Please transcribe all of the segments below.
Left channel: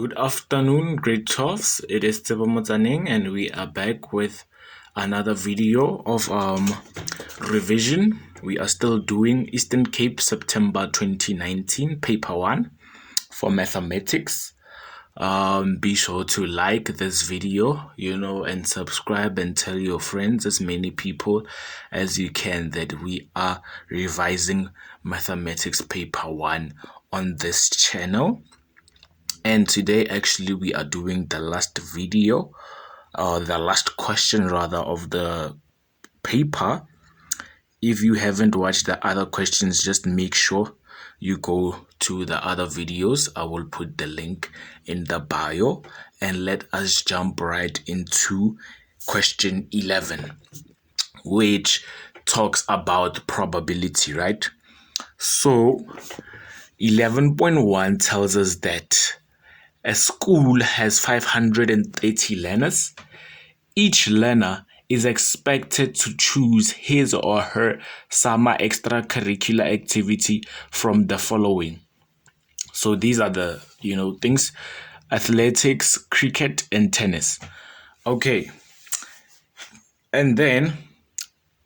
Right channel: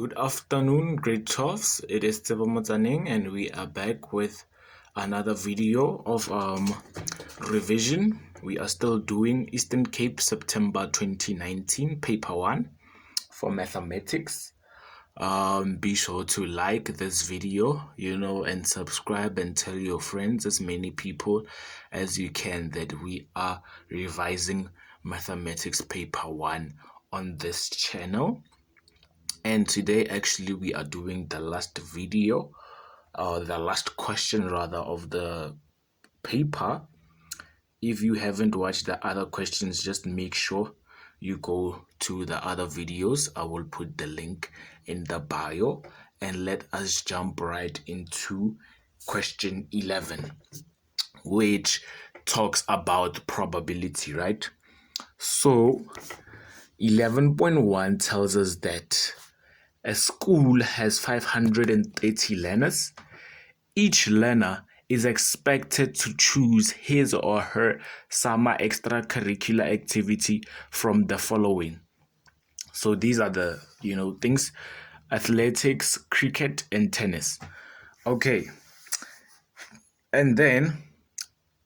Good afternoon, grade 12s. It is Tsebo and we are back with another video of revision. We are still doing Eastern Cape September 2019 paper 1 for mathematics. Be sure to like this video, and subscribe and tell your friends, as many people as you can, that we are revising mathematics paper 1 on this channel. And today actually we are doing the last video, or the last question rather, of the paper. If you haven't watched the other questions, just make sure you go to the other videos. I will put the link in the bio, and let us jump right into question 11, which talks about probability, right? So 11.1 tells us that a school has 530 learners. Each learner is expected to choose his or her summer extracurricular activity from the following. So these are the, things: athletics, cricket, and tennis. Okay. And then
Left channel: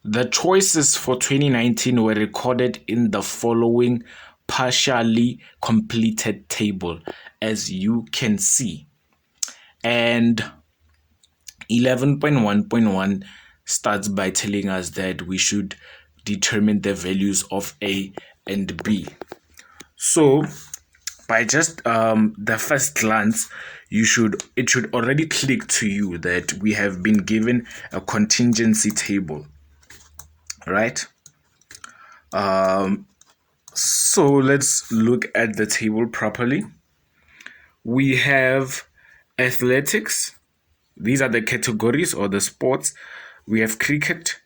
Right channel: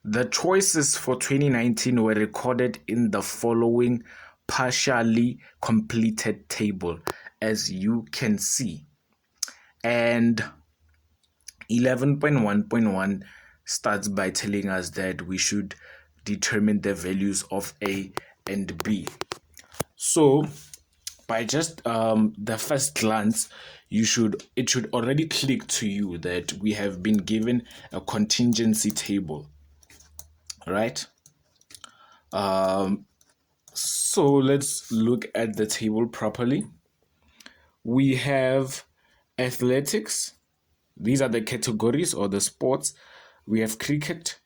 the choices for 2019 were recorded in the following partially completed table, as you can see. And 11.1.1 starts by telling us that we should determine the values of A and B. So by just the first glance, it should already click to you that we have been given a contingency table, right? So let's look at the table properly. We have athletics. These are the categories or the sports. We have cricket,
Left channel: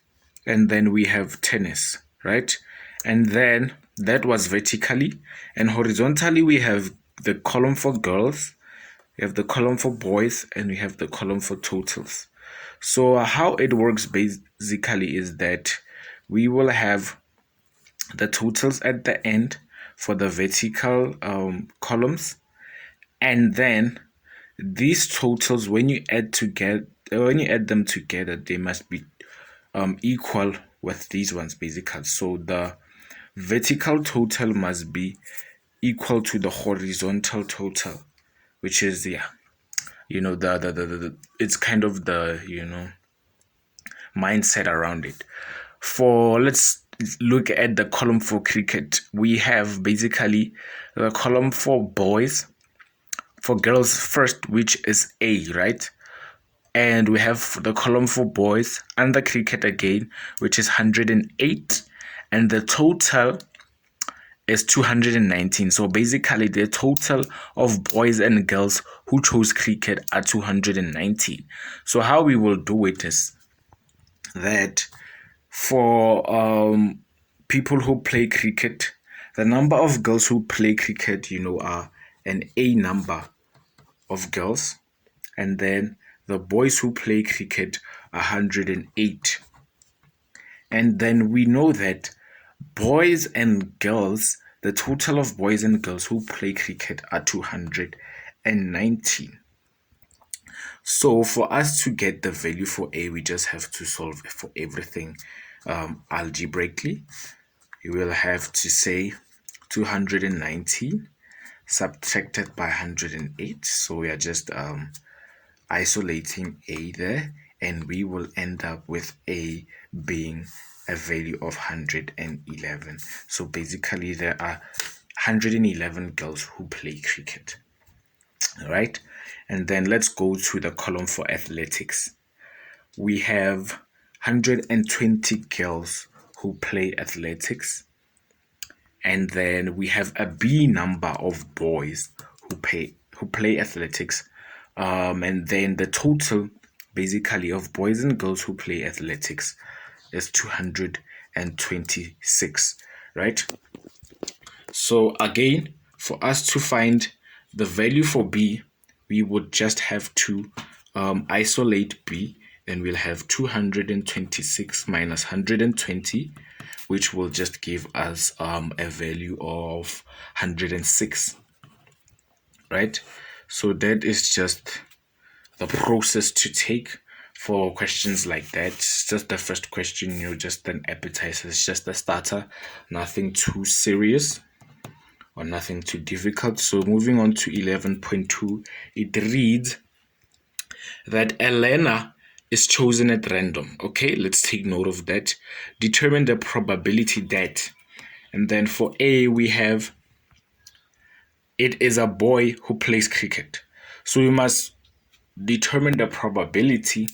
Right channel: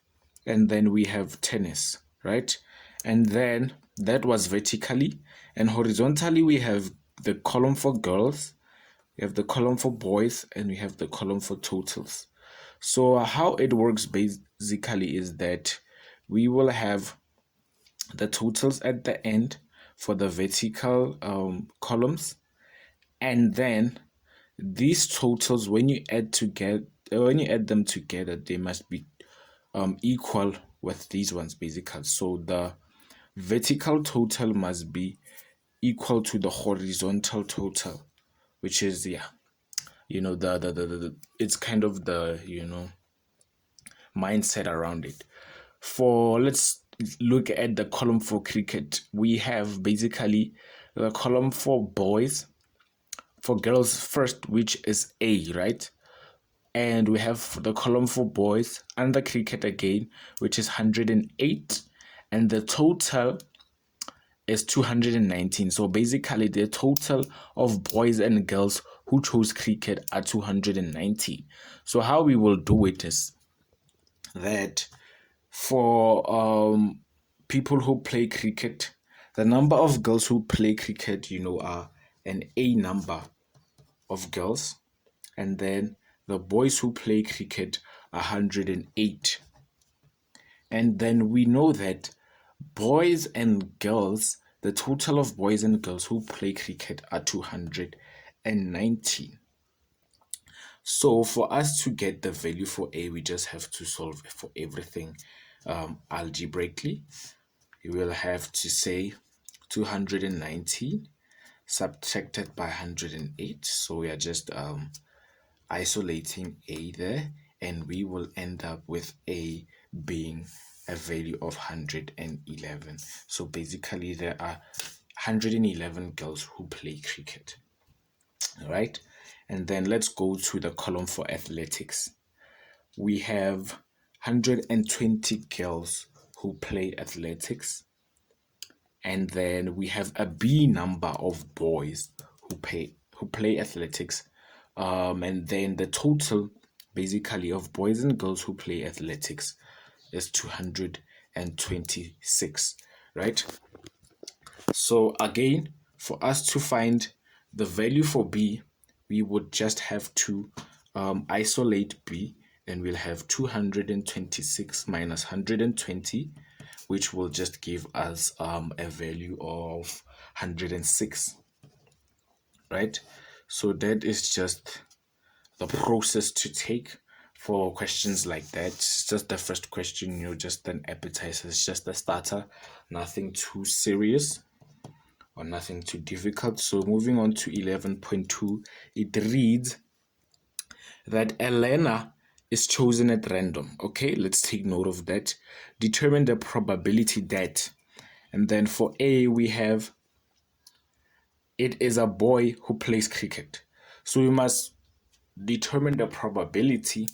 and then we have tennis, right? And then that was vertically. And horizontally, we have the column for girls, we have the column for boys, and we have the column for totals. So how it works basically is that we will have the totals at the end for the vertical columns, and then these totals, when you add them together, they must be equal with these ones basically. So the vertical total must be equal to the horizontal total, which is it's kind of the mindset around it. Let's look at the column for cricket. We have basically the column for boys, for girls first, which is A, right? And we have the column for boys under cricket again, which is 108, and the total is 219. So basically the total of boys and girls who chose cricket are 219. So how we will do it is that for people who play cricket, the number of girls who play cricket, are an A number of girls, and then the boys who play cricket 108. And then we know that boys and girls, the total of boys and girls who play cricket are 219. So for us to get the value for A, we just have to solve for everything algebraically. You will have to say 219 subtracted by 108. So we are just isolating A there, and we will end up with A being a value of 111. So basically there are 111 girls who play cricket. All right, and then let's go to the column for athletics. We have 120 girls who play athletics, and then we have a B number of boys who play athletics, and then the total basically of boys and girls who play athletics is 226, right? So again, for us to find the value for B, we would just have to isolate B, and we'll have 226 minus 120, which will just give us a value of 106, right? So that is just the process to take for questions like that. It's just the first question, just an appetizer. It's just a starter, nothing too serious or nothing too difficult. So moving on to 11.2, it reads that Elena is chosen at random. Okay, let's take note of that. Determine the probability that. And then for A, we have it is a boy who plays cricket. So we must determine the probability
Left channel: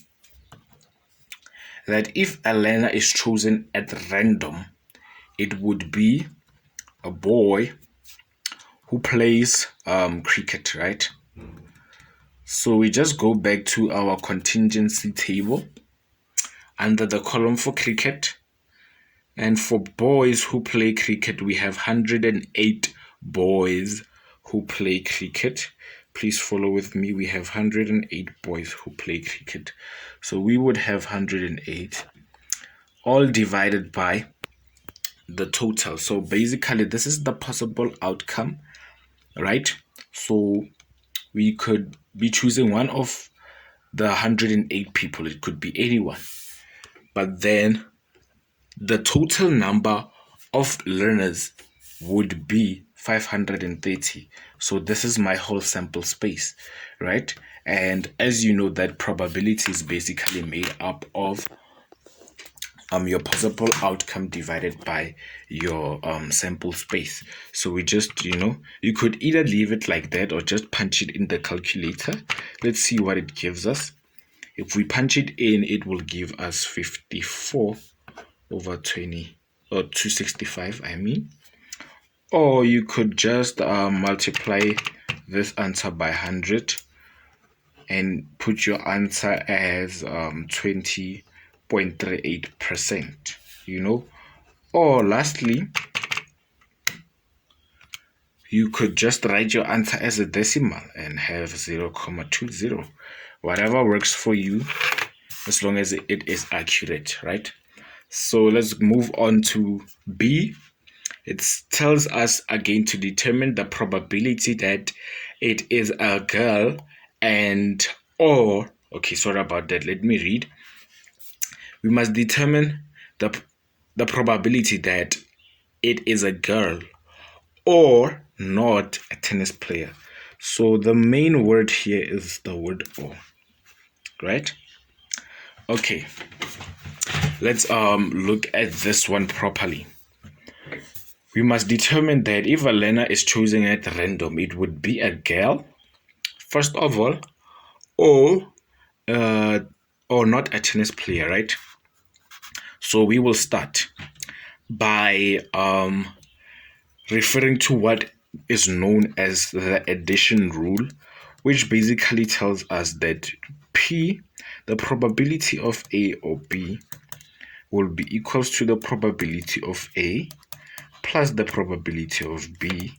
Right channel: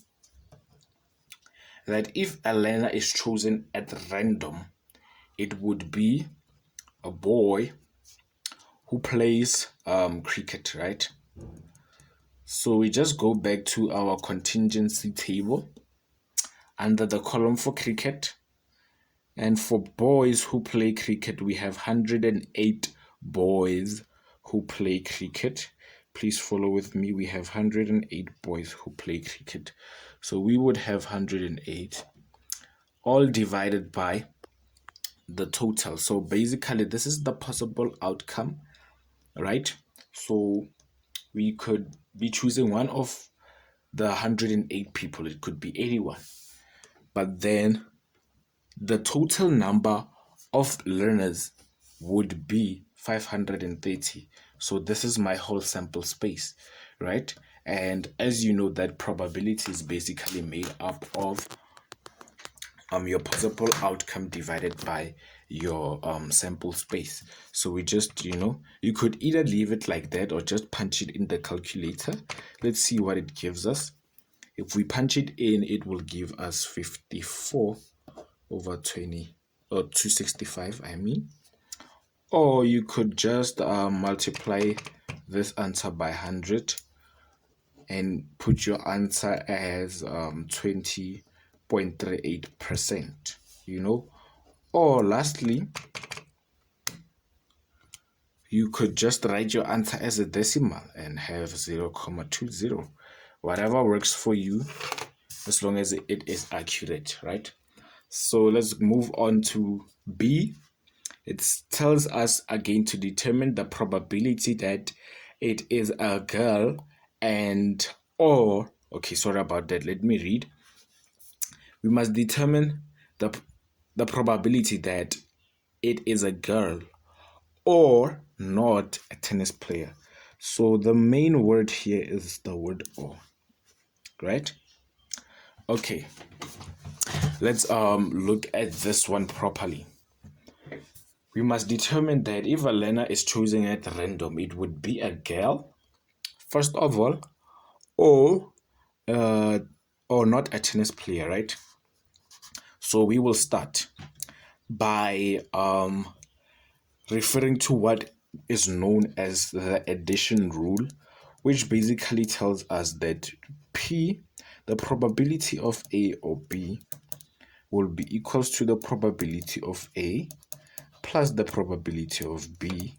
that if Elena is chosen at random, it would be a boy who plays cricket, right? So we just go back to our contingency table under the column for cricket. And for boys who play cricket, we have 108 boys who play cricket. Please follow with me. We have 108 boys who play cricket. So we would have 108 all divided by the total. So basically, this is the possible outcome, right? So we could be choosing one of the 108 people. It could be 81. But then the total number of learners would be 530. So this is my whole sample space, right? And as you know, that probability is basically made up of your possible outcome divided by your sample space. So we just, you could either leave it like that or just punch it in the calculator. Let's see what it gives us. If we punch it in, it will give us 54 over 20, or 265, I mean. Or you could just multiply this answer by 100 and put your answer as 20.38%, Or lastly, you could just write your answer as a decimal and have 0.20. Whatever works for you, as long as it is accurate, right? So let's move on to B. It tells us again to determine the probability that it is a girl okay, sorry about that. Let me read. We must determine the probability that it is a girl or not a tennis player. So the main word here is the word or, right? Okay. Let's look at this one properly. We must determine that if Elena is chosen at random, it would be a girl, first of all, or not a tennis player, right? So we will start by referring to what is known as the addition rule, which basically tells us that P, the probability of A or B, will be equals to the probability of A plus the probability of B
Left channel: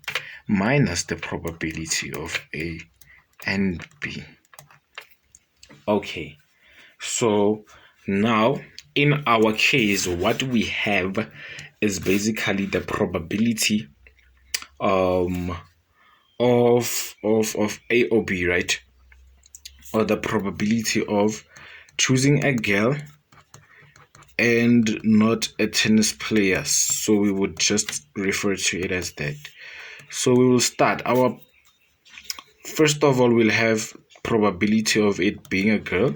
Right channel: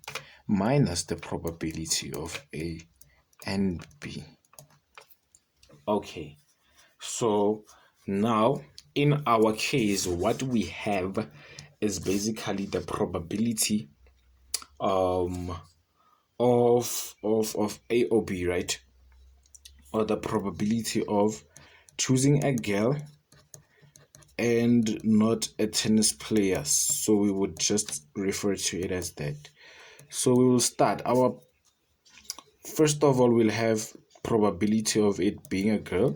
minus the probability of A and B. Okay, so now in our case, what we have is basically the probability of A or B, right? Or the probability of choosing a girl and not a tennis player. So we would just refer to it as that. So we will start. First of all, we'll have probability of it being a girl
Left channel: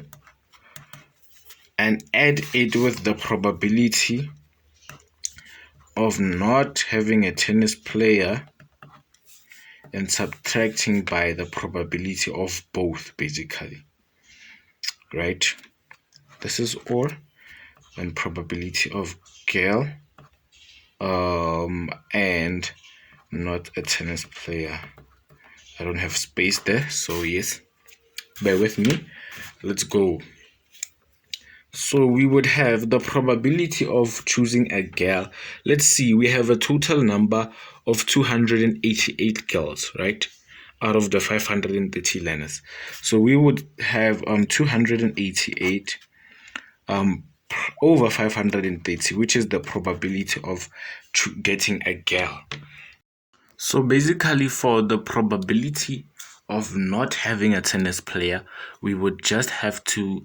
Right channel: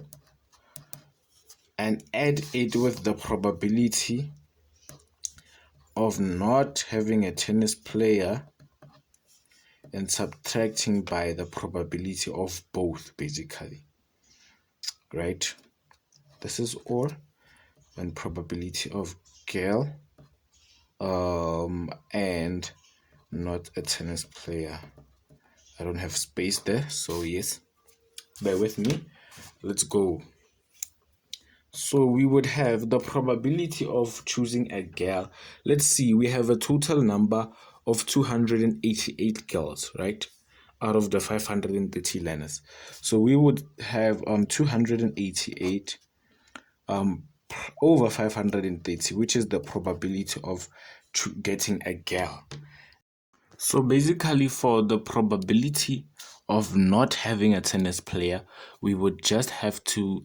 and add it with the probability of not having a tennis player and subtracting by the probability of both, basically, right? This is all, and probability of girl and not a tennis player. I don't have space there, so yes, bear with me. Let's go. So we would have the probability of choosing a girl. Let's see, we have a total number of 288 girls, right? Out of the 530 learners. So we would have 288 over 530, which is the probability of getting a girl. So basically, for the probability of not having a tennis player, we would just have to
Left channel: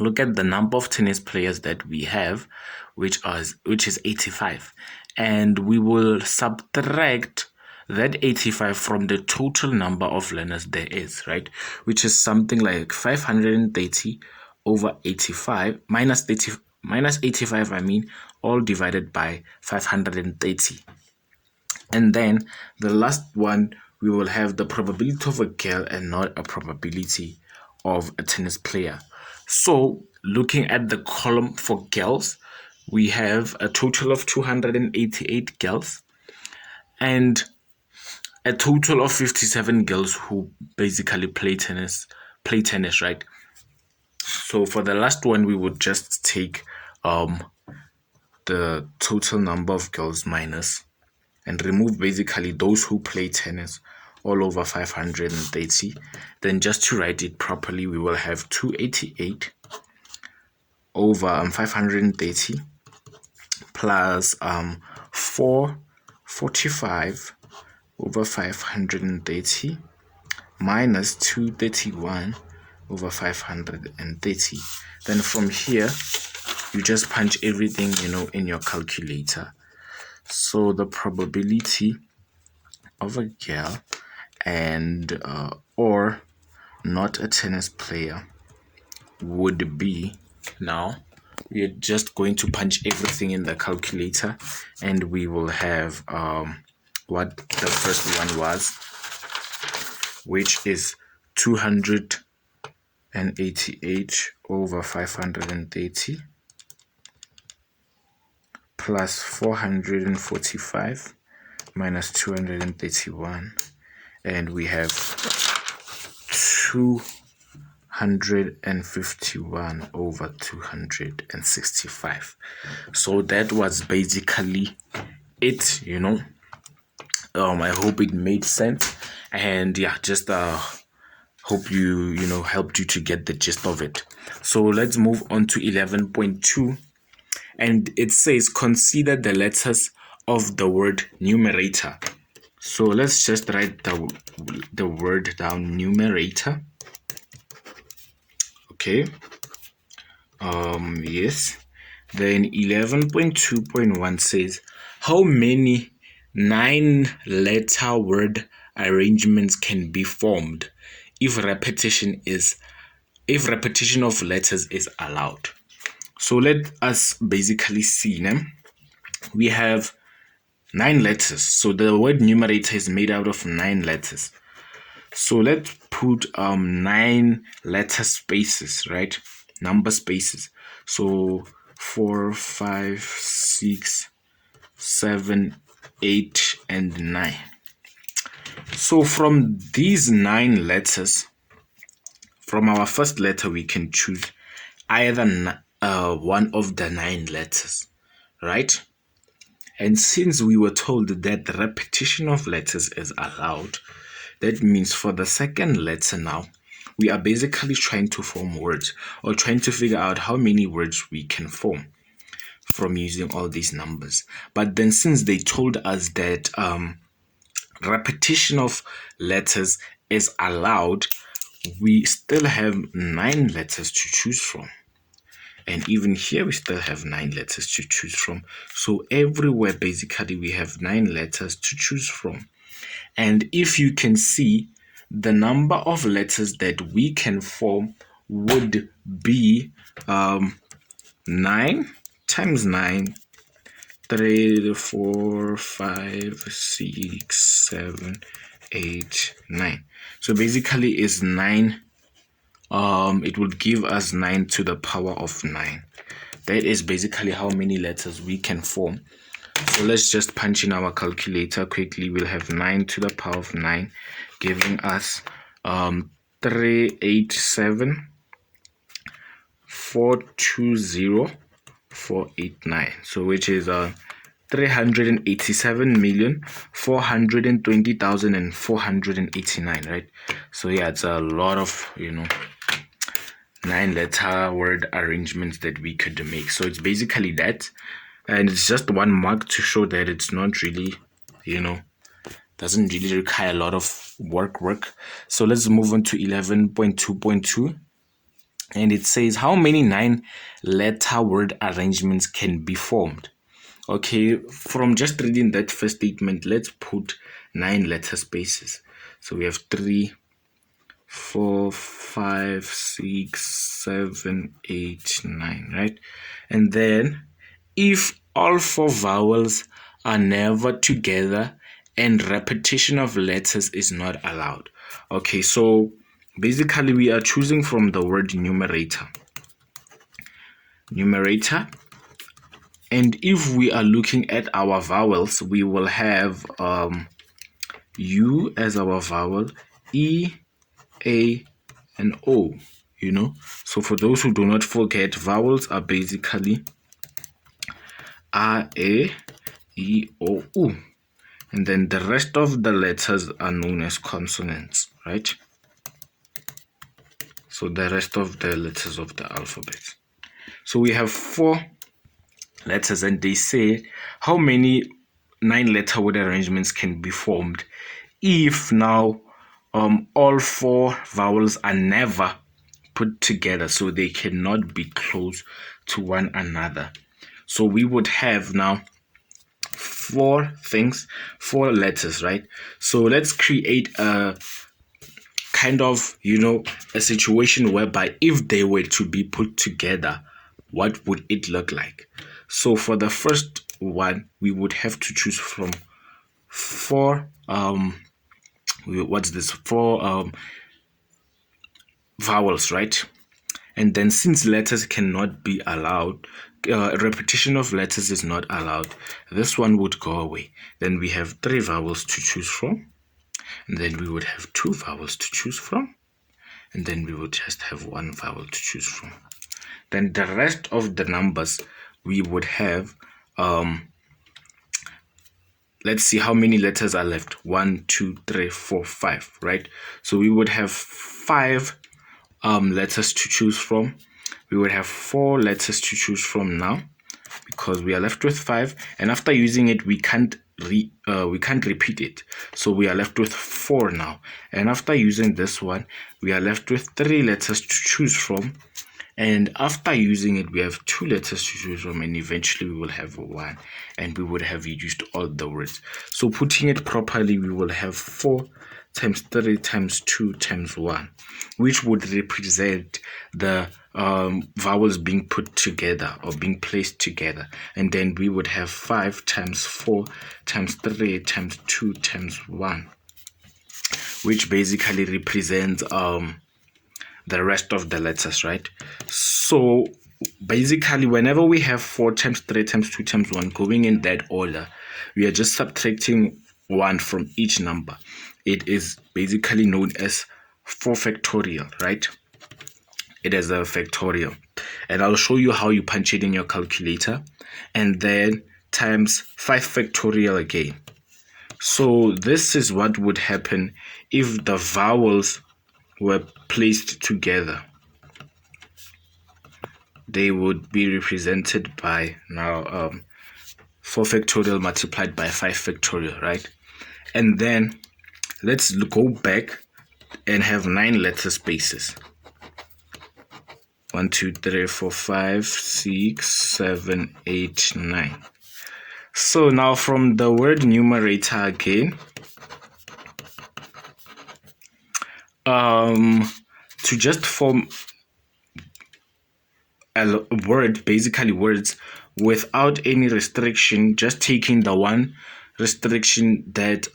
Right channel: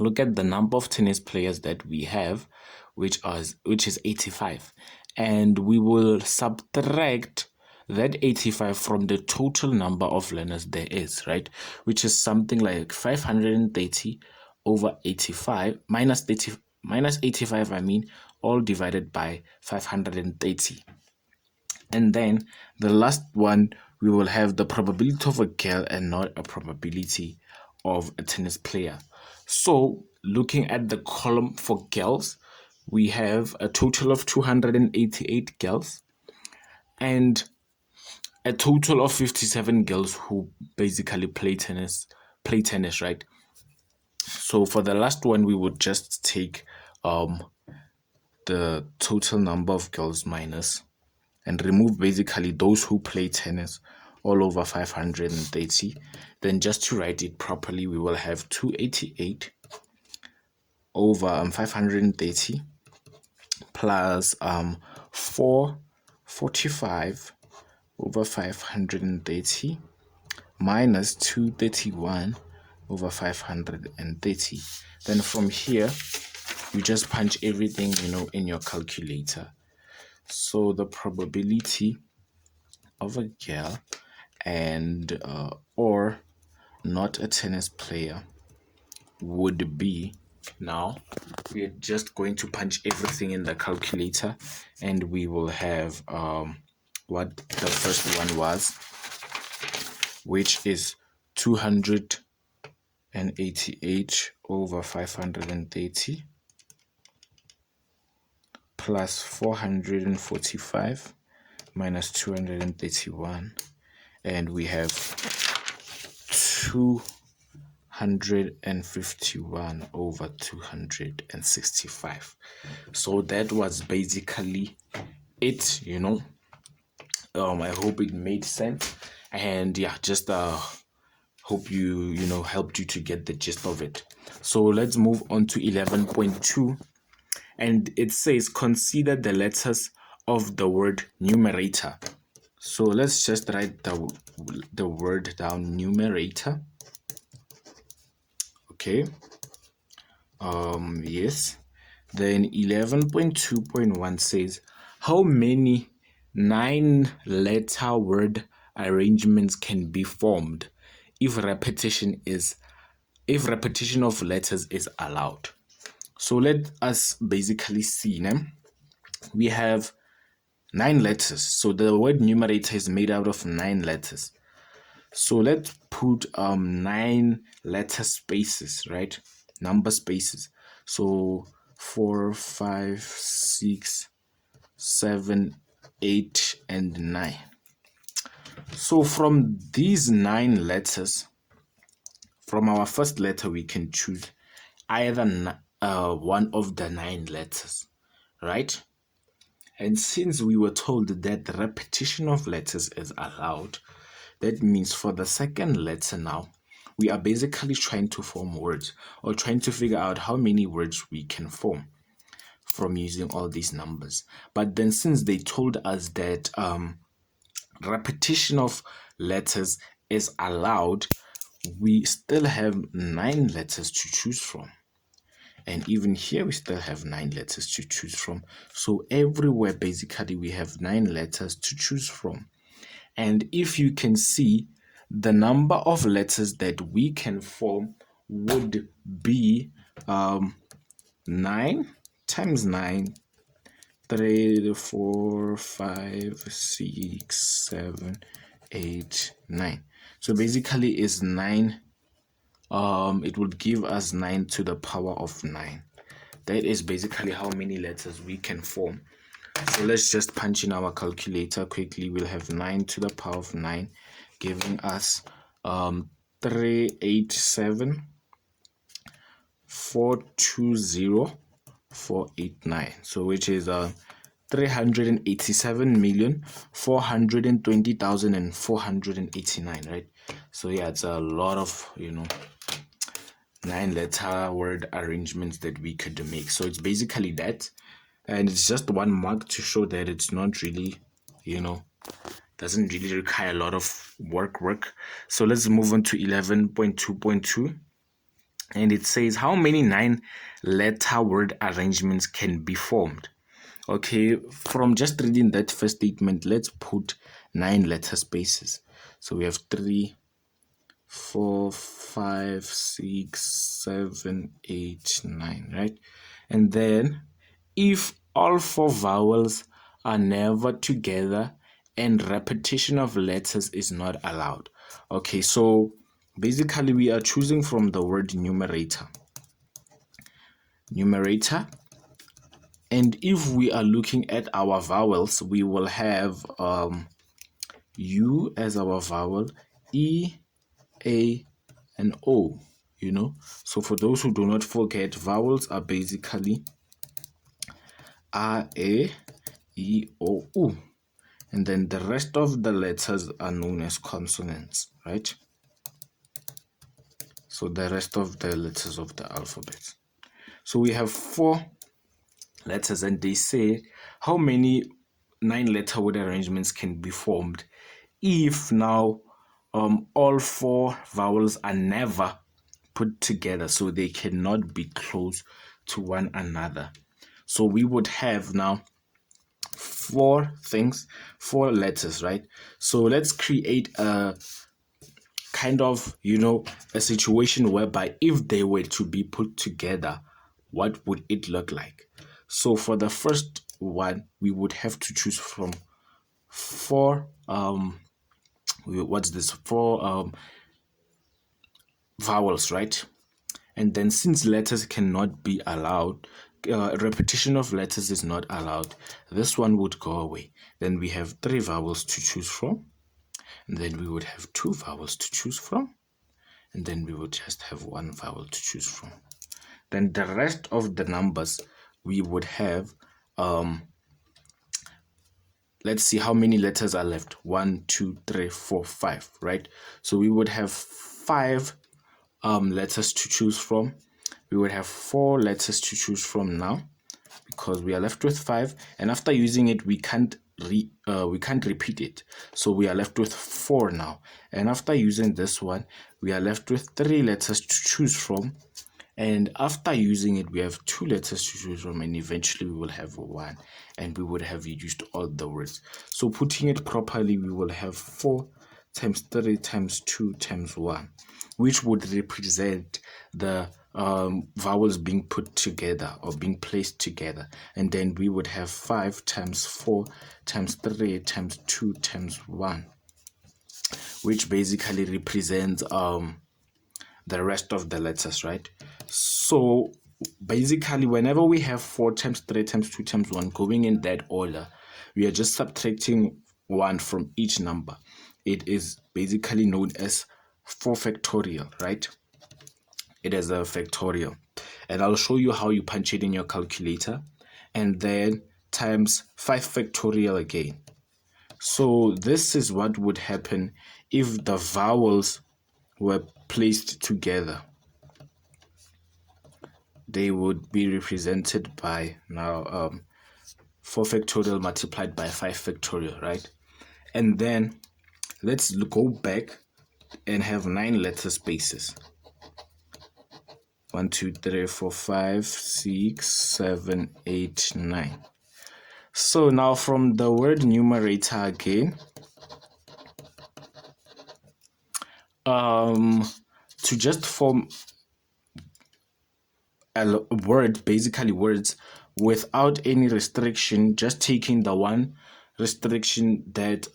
look at the number of tennis players that we have, which is 85, and we will subtract that 85 from the total number of learners there is, right? Which is something like 530 over 85 minus 85, all divided by 530. And then the last one, we will have the probability of a girl and not a probability of a tennis player. So looking at the column for girls, we have a total of 288 girls and a total of 57 girls who basically play tennis, right? So for the last one, we would just take the total number of girls minus and remove basically those who play tennis all over 530. Then just to write it properly, we will have 288 over 530 plus 445 over 530 minus 231 over 530. Then from here, you just punch everything, in your calculator. So the probability of a girl and or not a tennis player would be, now we are just going to punch everything in the calculator, and we will have what the first one was, which is 288 over 530 plus 445 minus 231, and we have 251 over 265. So that was basically it, I hope it made sense, and yeah, just hope you helped you to get the gist of it. So let's move on to 11.2, and it says consider the letters of the word numerator. So let's just write the word down, numerator. Okay. Yes. Then 11.2.1 says how many 9-letter word arrangements can be formed if repetition of letters is allowed. So let us basically see now. We have 9 letters. So the word numerator is made out of 9 letters. So let's put 9 letter spaces, right? Number spaces. So 4, 5, 6, 7, 8, and 9. So from these 9 letters, from our first letter, we can choose either one of the 9 letters, right? And since we were told that the repetition of letters is allowed, that means for the second letter now, we are basically trying to form words, or trying to figure out how many words we can form from using all these numbers. But then since they told us that repetition of letters is allowed, we still have 9 letters to choose from. And even here, we still have 9 letters to choose from. So everywhere, basically, we have 9 letters to choose from. And if you can see, the number of letters that we can form would be 9 times 9, 3, 4, 5, 6, 7, 8, 9. So basically, is 9. It would give us 9 to the power of 9. That is basically how many letters we can form. So let's just punch in our calculator quickly. We'll have 9 to the power of 9, giving us 387 420 489. So which is 387,420,489, right? So yeah, it's a lot of 9-letter word arrangements that we could make. So it's basically that, and it's just one mark to show that it's not really Doesn't really require a lot of work. So let's move on to 11.2.2. And it says how many 9-letter word arrangements can be formed. Okay, from just reading that first statement, let's put 9-letter spaces. So we have 3, 4, 5, 6, 7, 8, 9, right? And then if all 4 vowels are never together and repetition of letters is not allowed. Okay, so basically we are choosing from the word numerator. And if we are looking at our vowels, we will have U as our vowel, E, A, and O, So for those who do not forget, vowels are basically A, E, O, U. And then the rest of the letters are known as consonants, right? So the rest of the letters of the alphabet. So we have 4 letters, and they say how many 9-letter word arrangements can be formed if now all 4 vowels are never put together, so they cannot be close to one another. So we would have now 4 letters, right? So let's create a kind of, a situation whereby if they were to be put together, what would it look like? So for the first one, we would have to choose from 4 4 vowels, right? And then since letters cannot be allowed, repetition of letters is not allowed, this one would go away. Then we have 3 vowels to choose from, and then we would have 2 vowels to choose from, and then we would just have 1 vowel to choose from. Then the rest of the numbers we would have, let's see how many letters are left. 1, 2, 3, 4, 5, right? So we would have 5 letters to choose from. We would have 4 letters to choose from now because we are left with 5, and after using it we can't repeat it, so we are left with 4 now. And after using this one, we are left with 3 letters to choose from, and after using it we have 2 letters to choose from, and eventually we will have 1, and we would have used all the words. So putting it properly, we will have 4 times 3 times 2 times 1, which would represent the vowels being put together or being placed together. And then we would have 5 times 4 times 3 times 2 times 1, which basically represents the rest of the letters, right? So basically whenever we have 4 times 3 times 2 times 1 going in that order, we are just subtracting 1 from each number. It is basically known as 4 factorial, right? It is a factorial. And I'll show you how you punch it in your calculator, and then times 5 factorial again. So this is what would happen if the vowels were placed together. They would be represented by now 4 factorial multiplied by 5 factorial, right? And then let's go back and have 9 letter spaces. 1, 2, 3, 4, 5, 6, 7, 8, 9. So now from the word numerator again, to just form a word, basically words without any restriction, just taking the one restriction that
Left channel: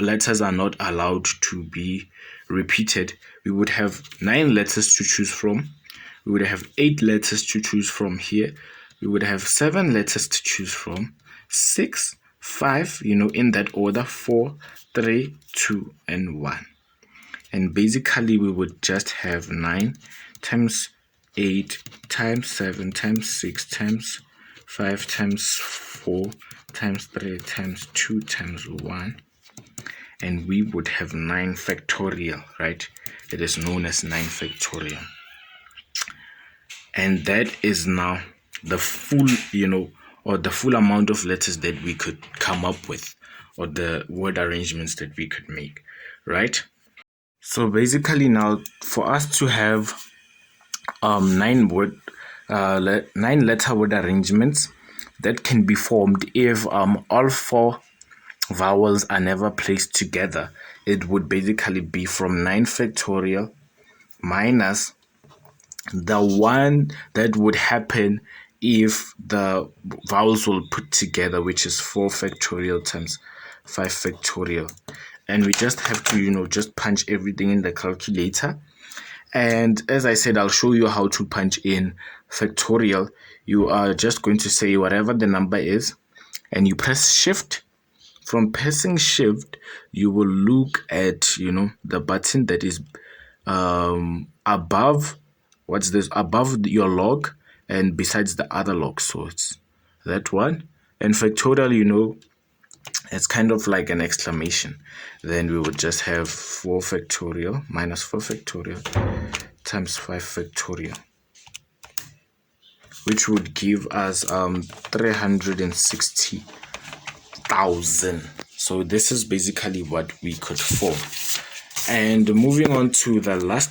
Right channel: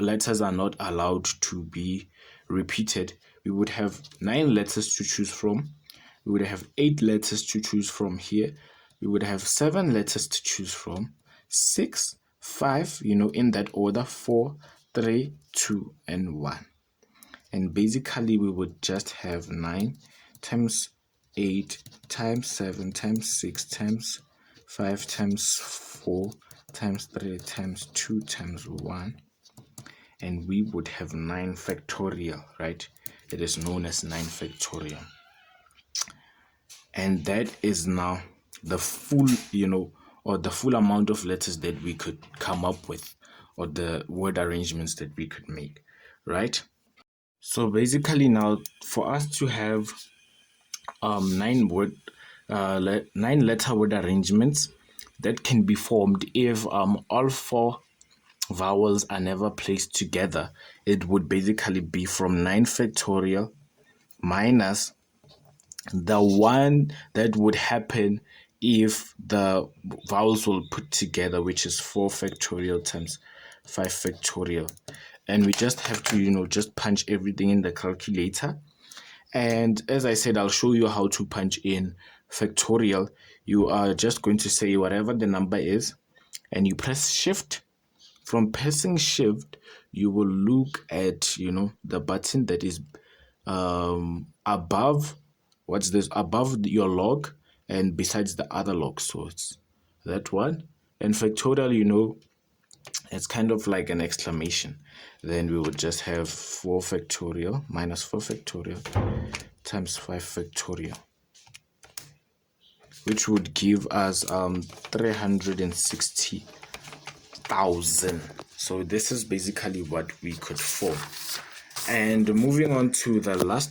letters are not allowed to be repeated, we would have 9 letters to choose from. We would have 8 letters to choose from here. We would have 7 letters to choose from. 6, 5, in that order. 4, 3, 2, and 1. And basically we would just have 9 times 8 times 7 times 6 times 5 times 4 times 3 times 2 times 1, and we would have 9 factorial, right? It is known as 9 factorial. And that is now the full, or the full amount of letters that we could come up with or the word arrangements that we could make, right? So basically now for us to have nine letter word arrangements that can be formed if all four vowels are never placed together, it would basically be from 9 factorial minus the one that would happen if the vowels will put together, which is 4 factorial times 5 factorial. And we just have to, just punch everything in the calculator. And as I said, I'll show you how to punch in factorial. You are just going to say whatever the number is, and you press shift. From pressing shift, you will look at, the button that is above, what's this, above your log and besides the other log. So it's that one. And factorial, it's kind of like an exclamation. Then we would just have 4 factorial minus 4 factorial times 5 factorial, which would give us 360,000. So this is basically what we could form. And moving on to the last,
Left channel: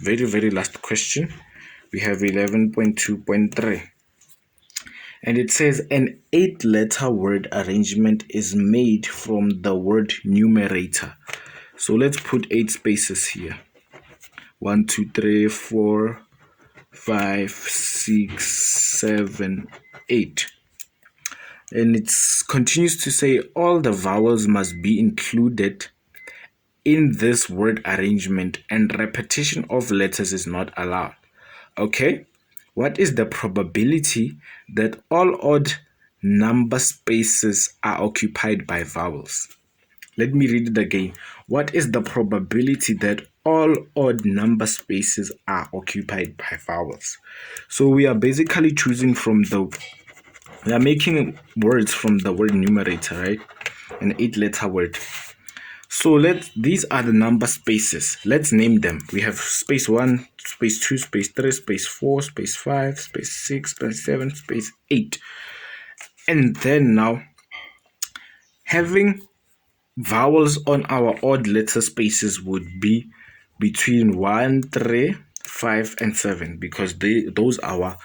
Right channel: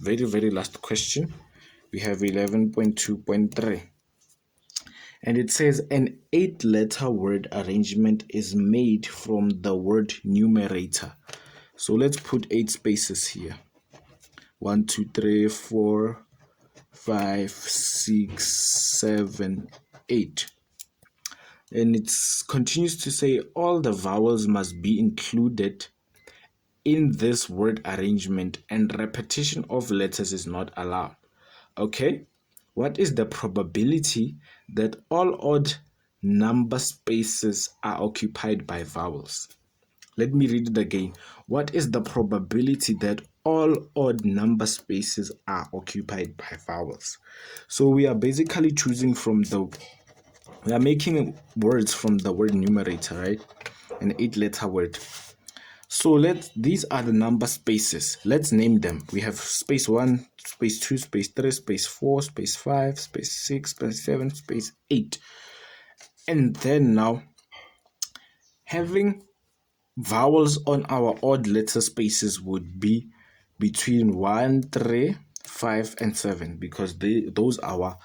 very, very last question, we have 11.2.3. And it says an 8-letter word arrangement is made from the word numerator. So let's put 8 spaces here. 1, 2, 3, 4, 5, 6, 7, 8. And it continues to say all the vowels must be included in this word arrangement and repetition of letters is not allowed. Okay, what is the probability that all odd number spaces are occupied by vowels? Let me read it again. What is the probability that all odd number spaces are occupied by vowels? So we are basically choosing we are making words from the word numerator, right? An 8-letter word. So these are the number spaces. Let's name them. We have space 1, space 2, space 3, space 4, space 5, space 6, space 7, space 8. And then now, having vowels on our odd letter spaces would be between 1, 3, 5, and 7 because those are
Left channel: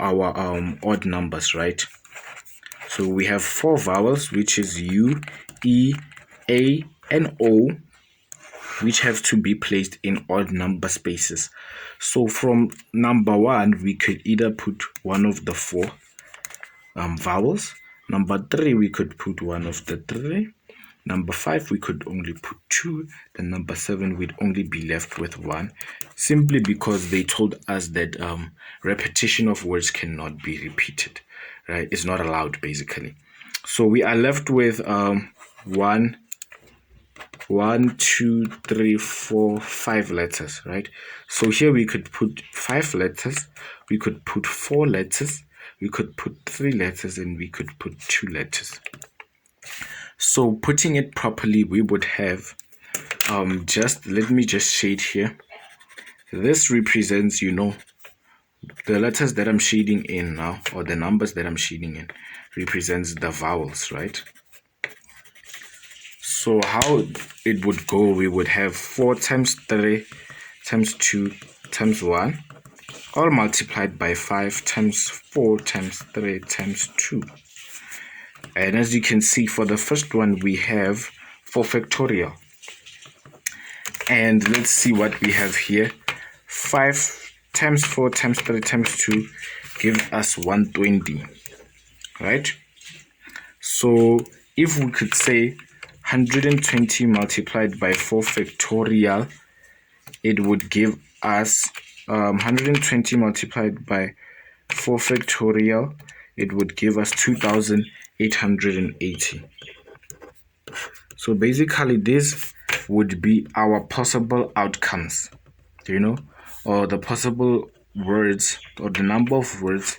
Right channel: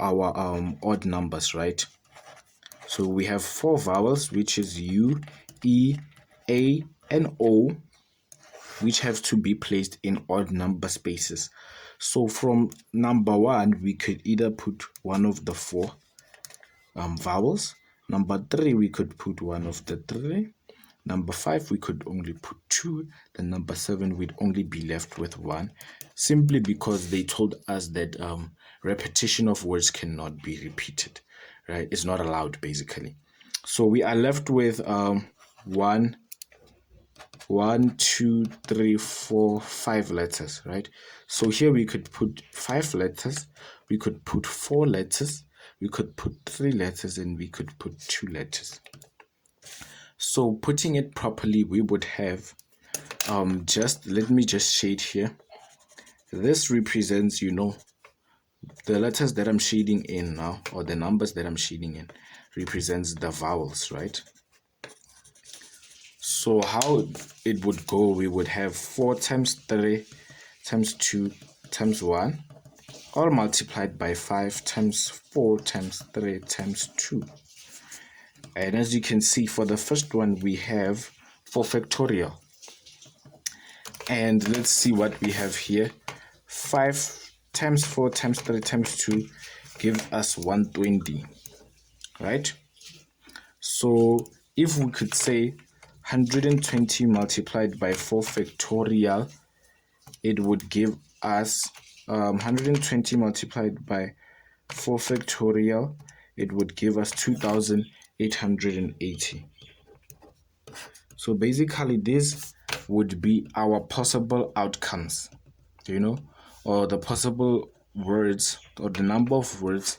our odd numbers, right? So we have 4 vowels, which is U, E, A, and O, which have to be placed in odd number spaces. So from number 1, we could either put one of the 4 vowels. Number 3, we could put one of the 3. Number 5, we could only put 2. Then number 7, we'd only be left with 1, simply because they told us that repetition of words cannot be repeated, right? It's not allowed, basically. So we are left with 1, 2, 3, 4, 5 letters, right? So here we could put 5 letters, we could put 4 letters, we could put 3 letters, and we could put 2 letters. So putting it properly, we would have let me just shade here. This represents, the letters that I'm shading in now, or the numbers that I'm shading in, represents the vowels, right? So how it would go, we would have 4 times 3 times 2 times 1, all multiplied by 5 times 4 times 3 times 2. And as you can see, for the first one, we have 4 factorial. And let's see what we have here. 5 times 4 times 3 times 2 gives us 120, right? So if we could say 120 multiplied by 4 factorial, it would give us 120 multiplied by 4 factorial, it would give us 2,880. So basically this would be our possible outcomes, or the possible words, or the number of words,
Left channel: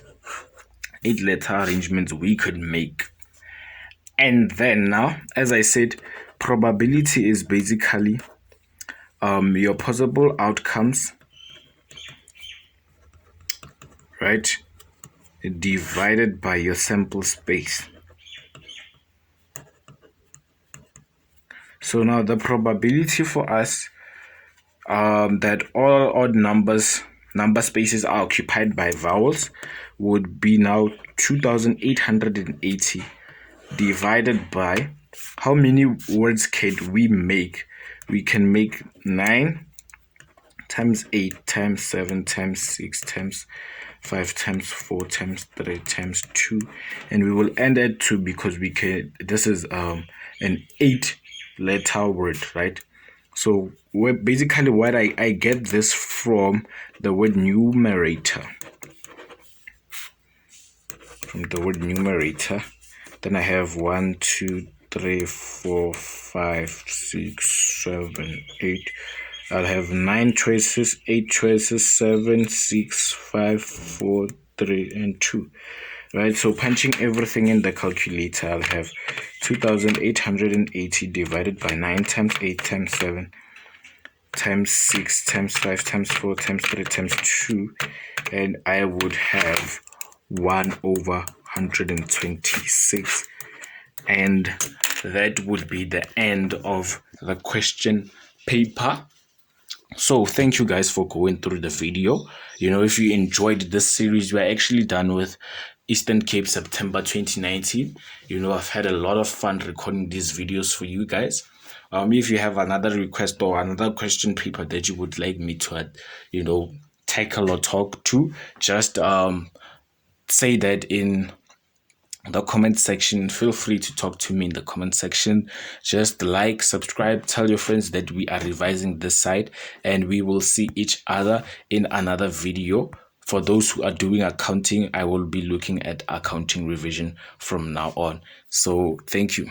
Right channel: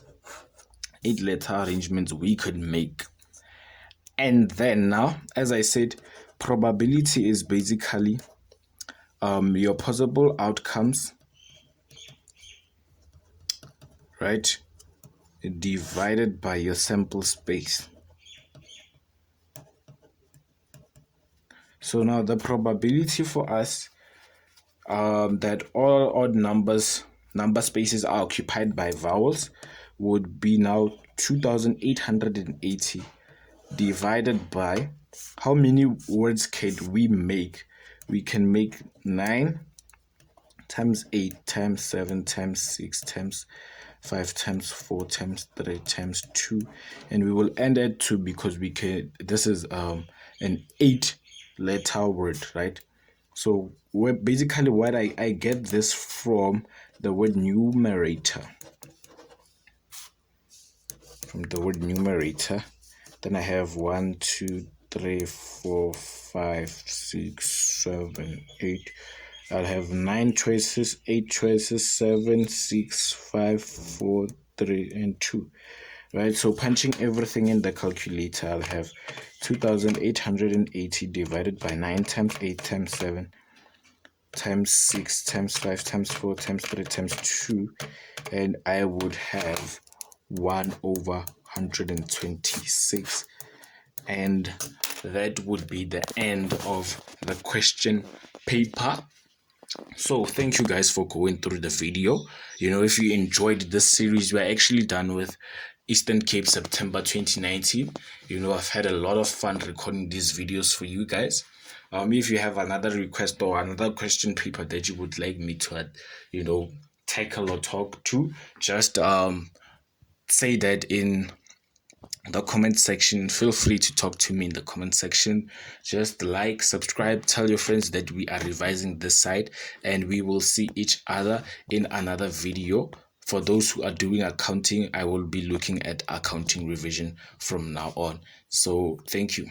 8-letter arrangements we could make. And then now, as I said, probability is basically your possible outcomes, right, divided by your sample space. So now the probability for us that all odd number spaces are occupied by vowels would be now 2,880 divided by how many words can we make? We can make 9 times 8 times 7 times 6 times 5 times 4 times 3 times 2, and we will end at 2 because we can. This is an 8-letter word, right? So basically what I get this from the word numerator. From the word numerator. Then I have 1, 2, 3, 4, 5, 6, 7, 8. I'll have 9 choices, 8 choices, 7, 6, 5, 4, 3, and 2. Right, so punching everything in the calculator, I'll have 2,880 divided by 9 times 8 times 7 times 6 times 5 times 4 times 3 times 2, and I would have 1 over 126, and that would be the end of the question paper. So thank you guys for going through the video. If you enjoyed this series, we're actually done with Eastern Cape September 2019. I've had a lot of fun recording these videos for you guys. If you have another request or another question paper that you would like me to tackle or talk to, just say that in the comment section. Feel free to talk to me in the comment section. Just like, subscribe, tell your friends that we are revising this side, and we will see each other in another video. For those who are doing accounting, I will be looking at accounting revision from now on. So thank you.